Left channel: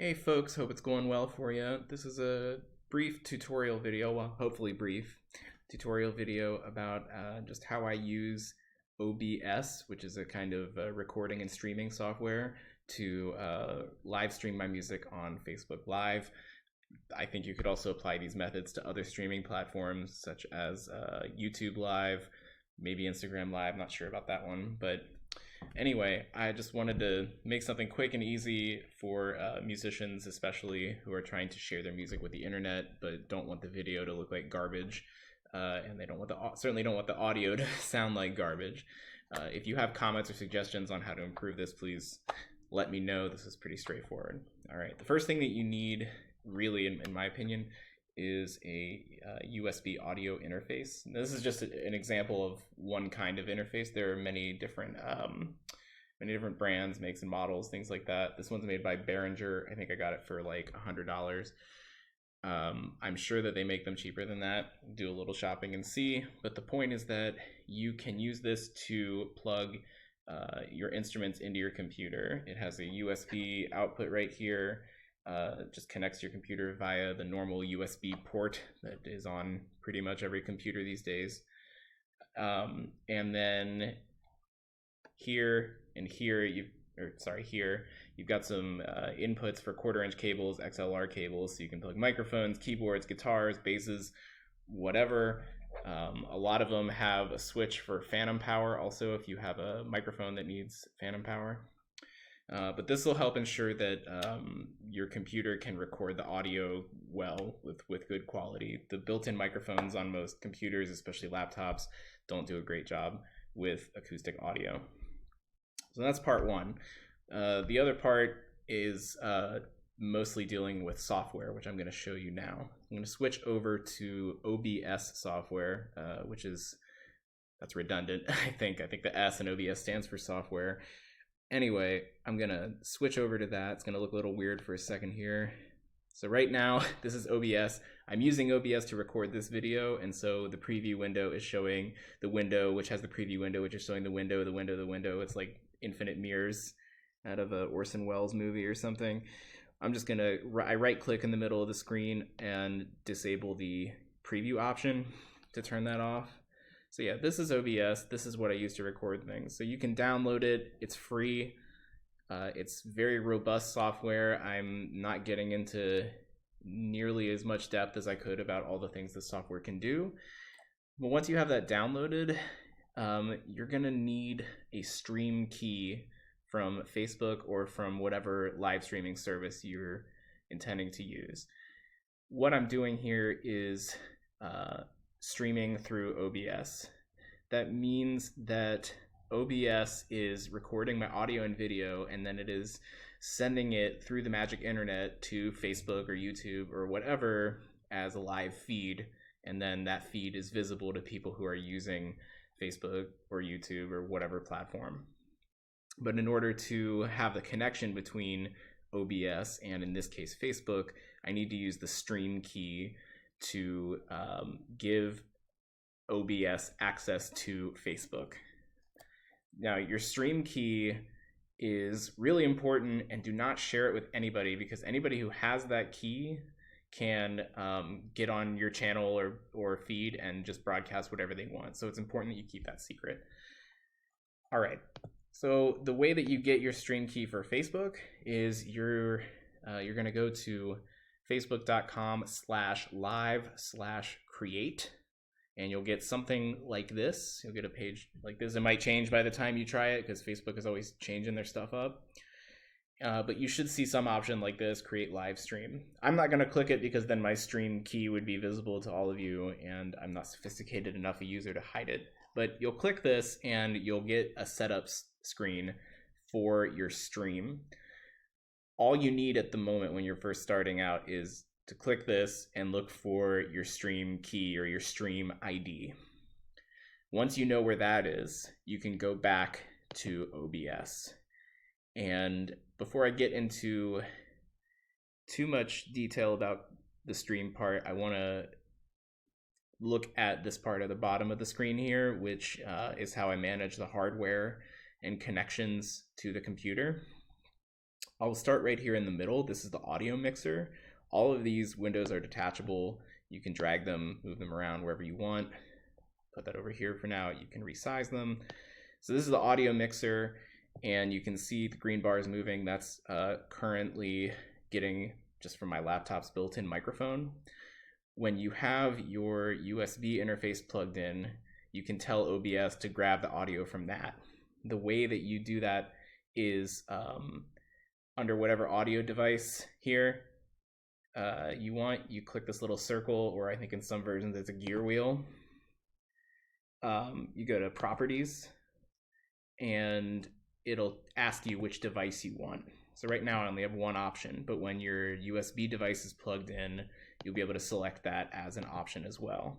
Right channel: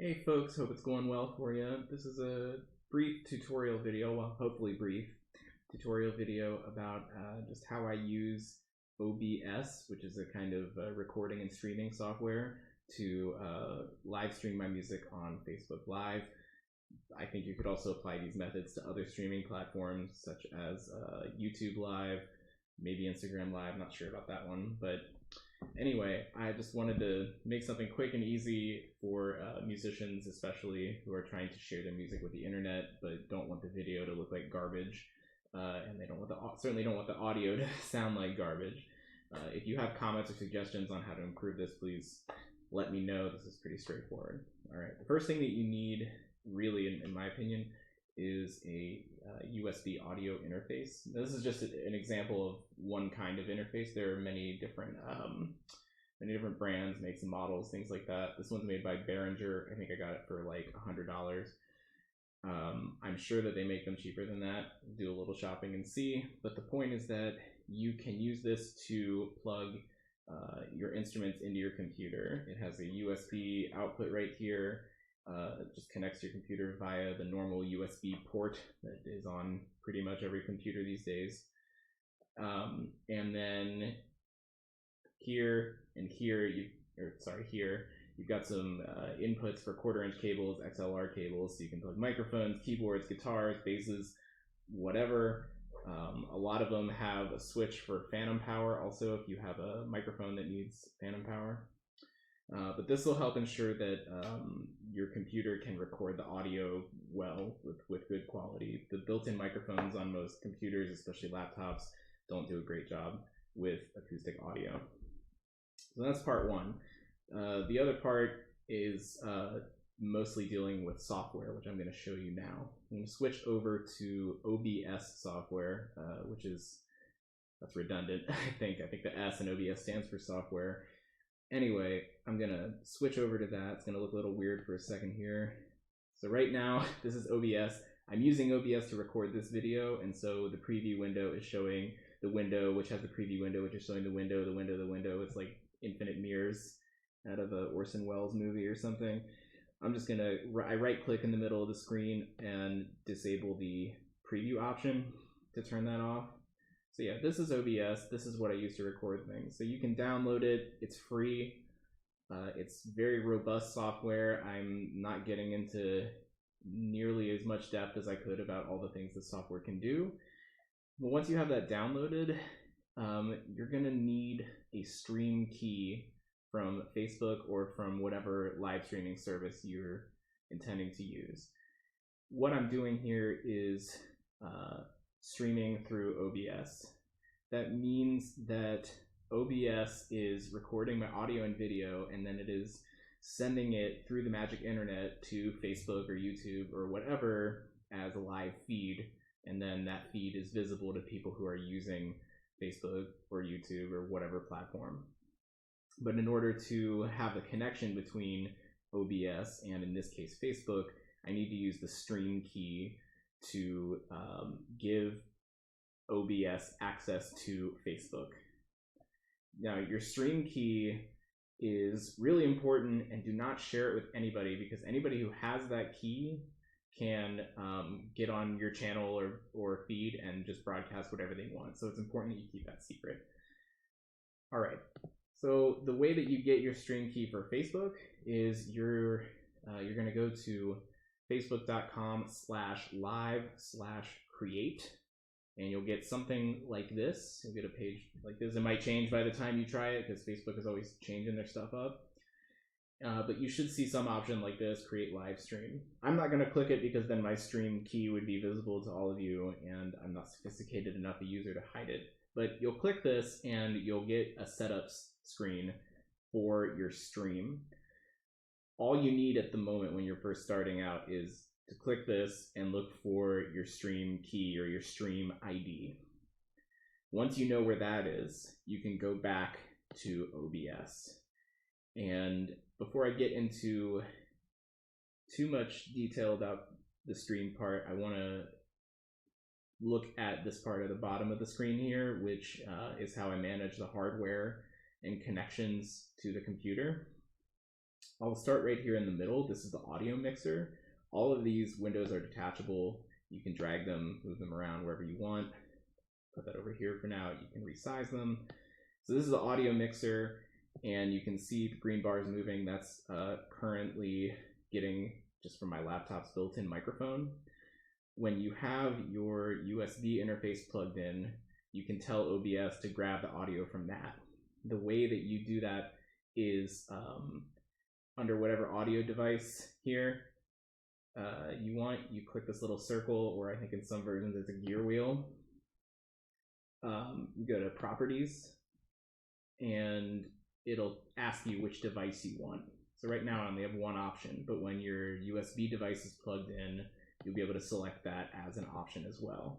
Hey folks, hope it's going well for you. This is a brief tutorial video, well, hopefully brief tutorial video about just how I use OBS, which is a kind of recording and streaming software to live stream my music on Facebook Live. I think you could also apply these methods to other streaming platforms such as YouTube Live, maybe Instagram Live, not sure about that one, but anyway, I just wanted to make something quick and easy for musicians, especially who are trying to share their music with the internet, but don't want the video to look like garbage, and they don't want certainly don't want the audio to sound like garbage. If you have comments or suggestions on how to improve this, please let me know. This is pretty straightforward. All right, the first thing that you need, really, in my opinion, is a USB audio interface. This is just an example of one kind of interface. There are many different brands, makes and models, things like that. This one's made by Behringer. I think I got it for like $100. I'm sure that they make them cheaper than that. Do a little shopping and see. But the point is that you can use this to plug your instruments into your computer. It has a USB output right here. It just connects to your computer via the normal USB port that is on pretty much every computer these days. And then here and here, here, you've got some inputs for 1/4-inch cables, XLR cables, so you can plug microphones, keyboards, guitars, basses, whatever. A lot of them have a switch for phantom power also if you have a microphone that needs phantom power. But this will help ensure that your computer can record the audio well with good quality. The built-in microphones on most computers, especially laptops, don't do a great job with acoustic audio. So that's part one. The other part is mostly dealing with software, which I'm going to show you now. I'm going to switch over to OBS software, that's redundant, I think. I think the S in OBS stands for software. Anyway, I'm gonna switch over to that. It's gonna look a little weird for a second here. So right now, this is OBS. I'm using OBS to record this video, and so the preview window is showing the window, which has the preview window, which is showing the window, the window, the window. It's like infinite mirrors out of a Orson Welles movie or something. I'm just gonna, I right-click in the middle of the screen and disable the preview option to turn that off. So yeah, this is OBS. This is what I use to record things. So you can download it. It's free. It's very robust software. I'm not getting into nearly as much depth as I could about all the things this software can do. But once you have that downloaded, you're gonna need a stream key from Facebook or from whatever live streaming service you're intending to use. What I'm doing here is streaming through OBS. That means that OBS is recording my audio and video, and then it is sending it through the magic internet to Facebook or YouTube or whatever as a live feed, and then that feed is visible to people who are using Facebook or YouTube or whatever platform. But in order to have the connection between OBS and, in this case, Facebook, I need to use the stream key to give OBS access to Facebook. Now, your stream key is really important, and do not share it with anybody, because anybody who has that key can get on your channel or feed and just broadcast whatever they want. So it's important that you keep that secret. All right. So the way that you get your stream key for Facebook is you're going to go to facebook.com/live/create, and you'll get something like this. You'll get a page like this. It might change by the time you try it, because Facebook is always changing their stuff up. But you should see some option like this, create live stream. I'm not going to click it because then my stream key would be visible to all of you, and I'm not sophisticated enough a user to hide it. But you'll click this and you'll get a setup screen for your stream. All you need at the moment when you're first starting out is to click this and look for your stream key or your stream ID. Once you know where that is, you can go back to OBS. And before I get into too much detail about the stream part, I want to look at this part at the bottom of the screen here, which is how I manage the hardware and connections to the computer. I'll start right here in the middle. This is the audio mixer. All of these windows are detachable. You can drag them, move them around wherever you want. Put that over here for now. You can resize them. So this is the audio mixer, and you can see the green bars moving. That's currently getting just from my laptop's built-in microphone. When you have your USB interface plugged in, you can tell OBS to grab the audio from that. The way that you do that is under whatever audio device here you want, you click this little circle, or I think in some versions it's a gear wheel. You go to properties, and it'll ask you which device you want. So right now I only have one option, but when your USB device is plugged in, you'll be able to select that as an option as well.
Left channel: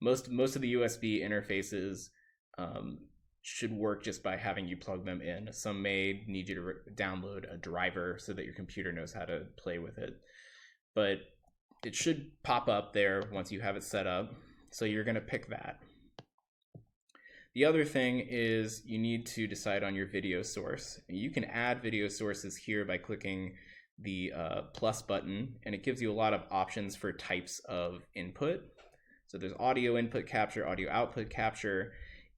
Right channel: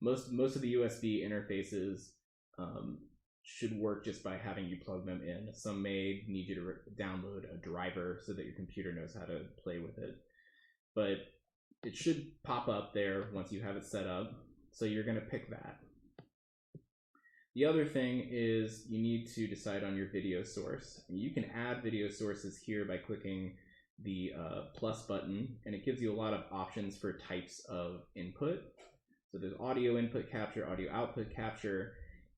Most of the USB interfaces should work just by having you plug them in. Some may need you to download a driver so that your computer knows how to play with it. But it should pop up there once you have it set up. So you're going to pick that. The other thing is you need to decide on your video source. You can add video sources here by clicking the plus button, and it gives you a lot of options for types of input. So there's audio input capture, audio output capture.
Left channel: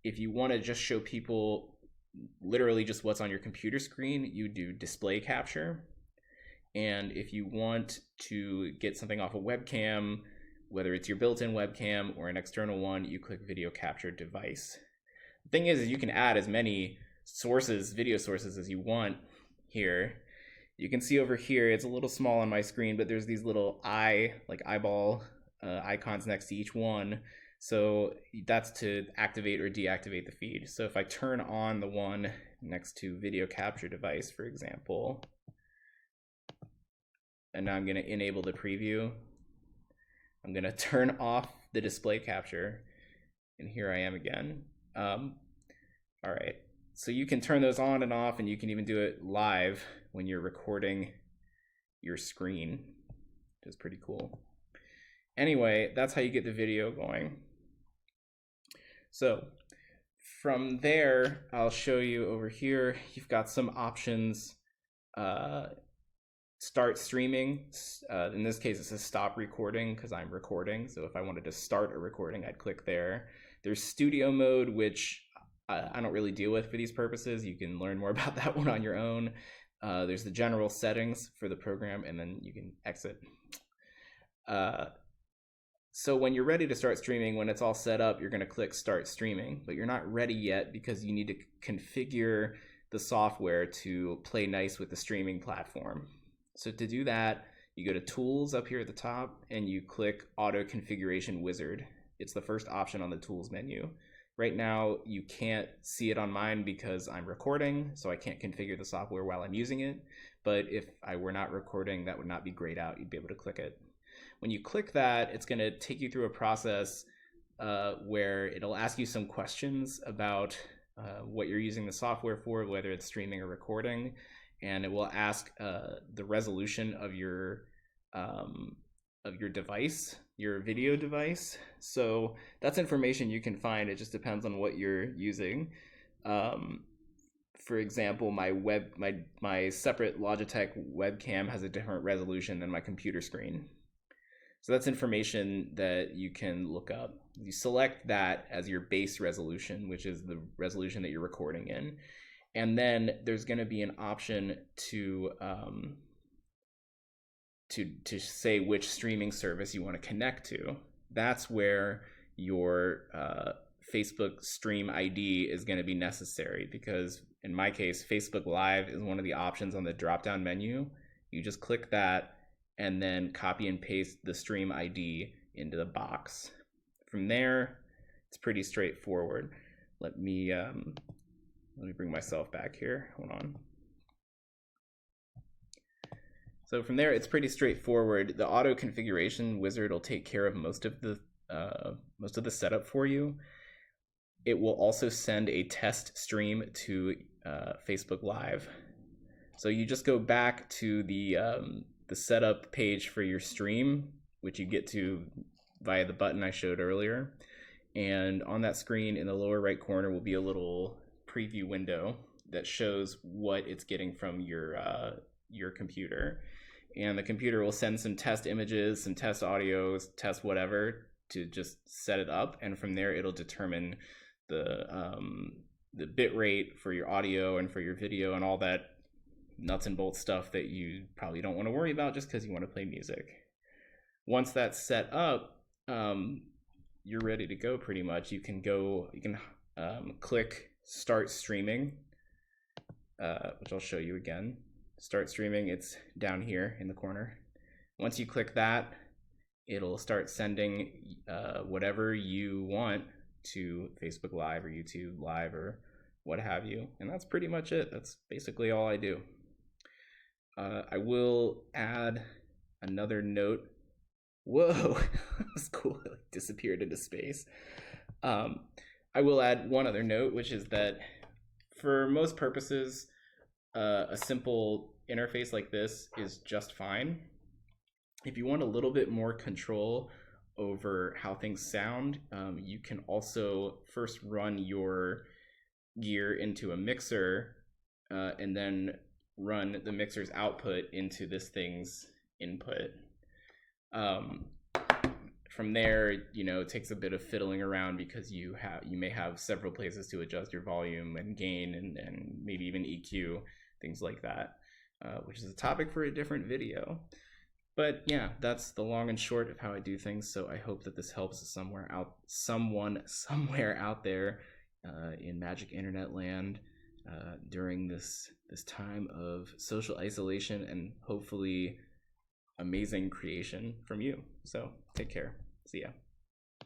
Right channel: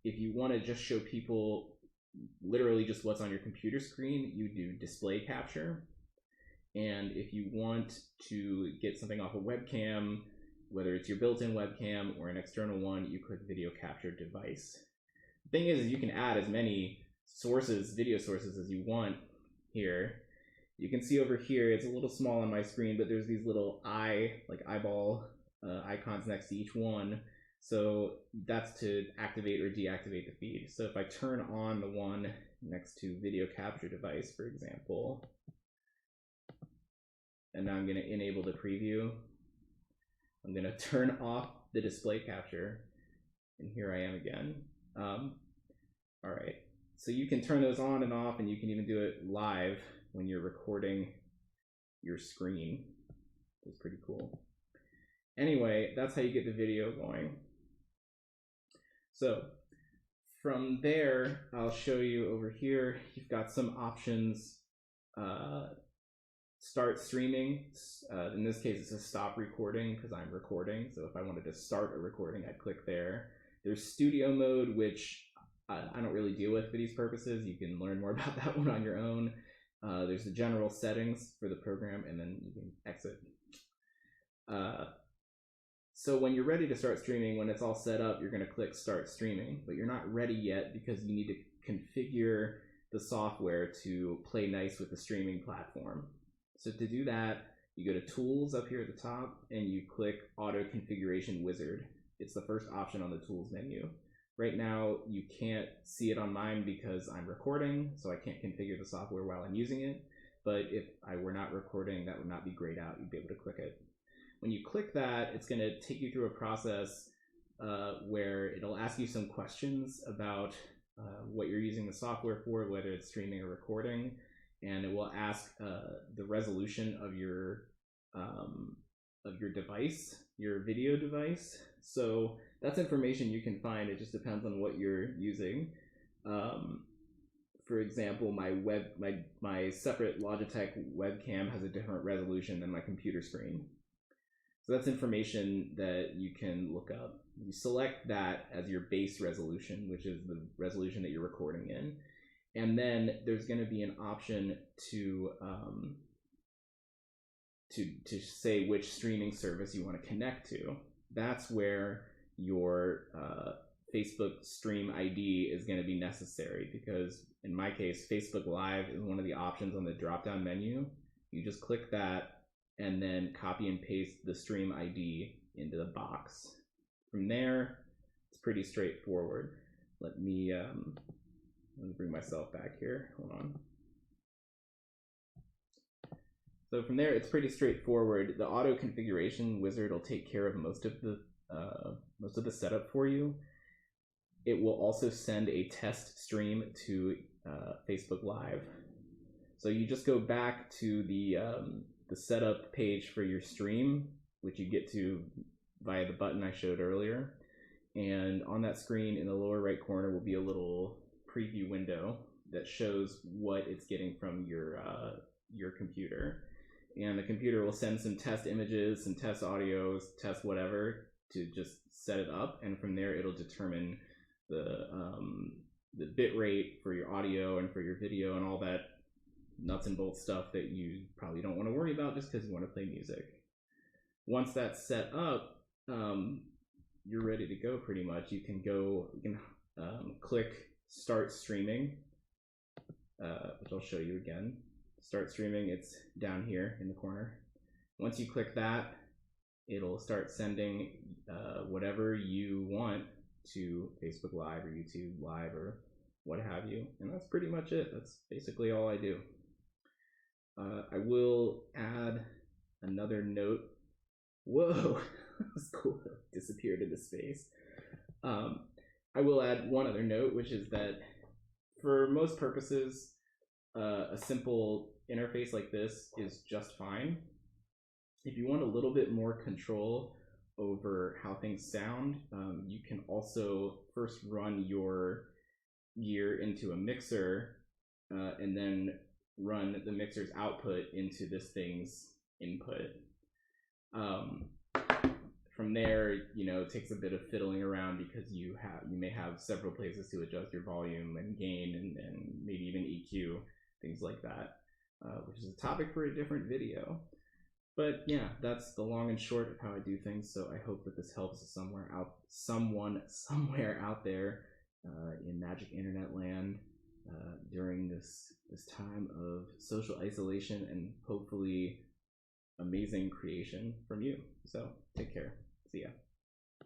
If you want to just show people literally just what's on your computer screen, you do display capture. And if you want to get something off a webcam, whether it's your built-in webcam or an external one, you click video capture device. The thing is you can add as many sources, video sources, as you want here. You can see over here, it's a little small on my screen, but there's these little eyeball icons next to each one. So that's to activate or deactivate the feed. So if I turn on the one next to video capture device, for example, and now I'm going to enable the preview, I'm going to turn off the display capture, and here I am again. All right, so you can turn those on and off, and you can even do it live when you're recording your screen, which is pretty cool. Anyway, that's how you get the video going. So from there, I'll show you over here, you've got some options. Start streaming. In this case, it says stop recording because I'm recording. So if I wanted to start a recording, I'd click there. There's studio mode, which I don't really deal with for these purposes. You can learn more about that one on your own. There's the general settings for the program, and then you can exit. So when you're ready to start streaming, when it's all set up, you're going to click start streaming, but you're not ready yet because you need to configure the software to play nice with the streaming platform. So to do that, you go to tools up here at the top and you click auto configuration wizard. It's the first option on the tools menu. Right now, you can't see it on mine because I'm recording, so I can't configure the software while I'm using it. But if I were not recording, that would not be grayed out. You'd be able to click it. When you click that, it's going to take you through a process where it'll ask you some questions about what you're using the software for, whether it's streaming or recording, and it will ask the resolution of your device, your video device. So that's information you can find. It just depends on what you're using. For example, my separate Logitech webcam has a different resolution than my computer screen. So that's information that you can look up. You select that as your base resolution, which is the resolution that you're recording in. And then there's going to be an option to say which streaming service you want to connect to. That's where your Facebook Stream ID is going to be necessary, because in my case, Facebook Live is one of the options on the drop-down menu. You just click that and then copy and paste the stream ID into the box. From there, it's pretty straightforward. Let me bring myself back here. Hold on. So from there, it's pretty straightforward. The auto configuration wizard will take care of most of the setup for you. It will also send a test stream to Facebook Live. So you just go back to the setup page for your stream, which you get to via the button I showed earlier. And on that screen in the lower right corner will be a little preview window. that shows what it's getting from your computer, and the computer will send some test images, some test audios, test whatever to just set it up, and from there it'll determine the bit rate for your audio and for your video and all that nuts and bolts stuff that you probably don't want to worry about just because you want to play music. Once that's set up, you're ready to go pretty much. You can click start streaming, which I'll show you again. Start streaming, it's down here in the corner. Once you click that, it'll start sending whatever you want to Facebook Live or YouTube Live or what have you. And that's pretty much it. That's basically all I do. I will add another note. Whoa, that was cool. It disappeared into space. I will add one other note, which is that for most purposes, a simple interface like this is just fine. If you want a little bit more control over how things sound, you can also first run your gear into a mixer and then run the mixer's output into this thing's input. From there, it takes a bit of fiddling around because you may have several places to adjust your volume and gain and maybe even EQ, things like that, which is a topic for a different video. But yeah, that's the long and short of how I do things. So I hope that this helps someone somewhere out there in Magic Internet land during this time of social isolation and hopefully amazing creation from you. So take care. See ya.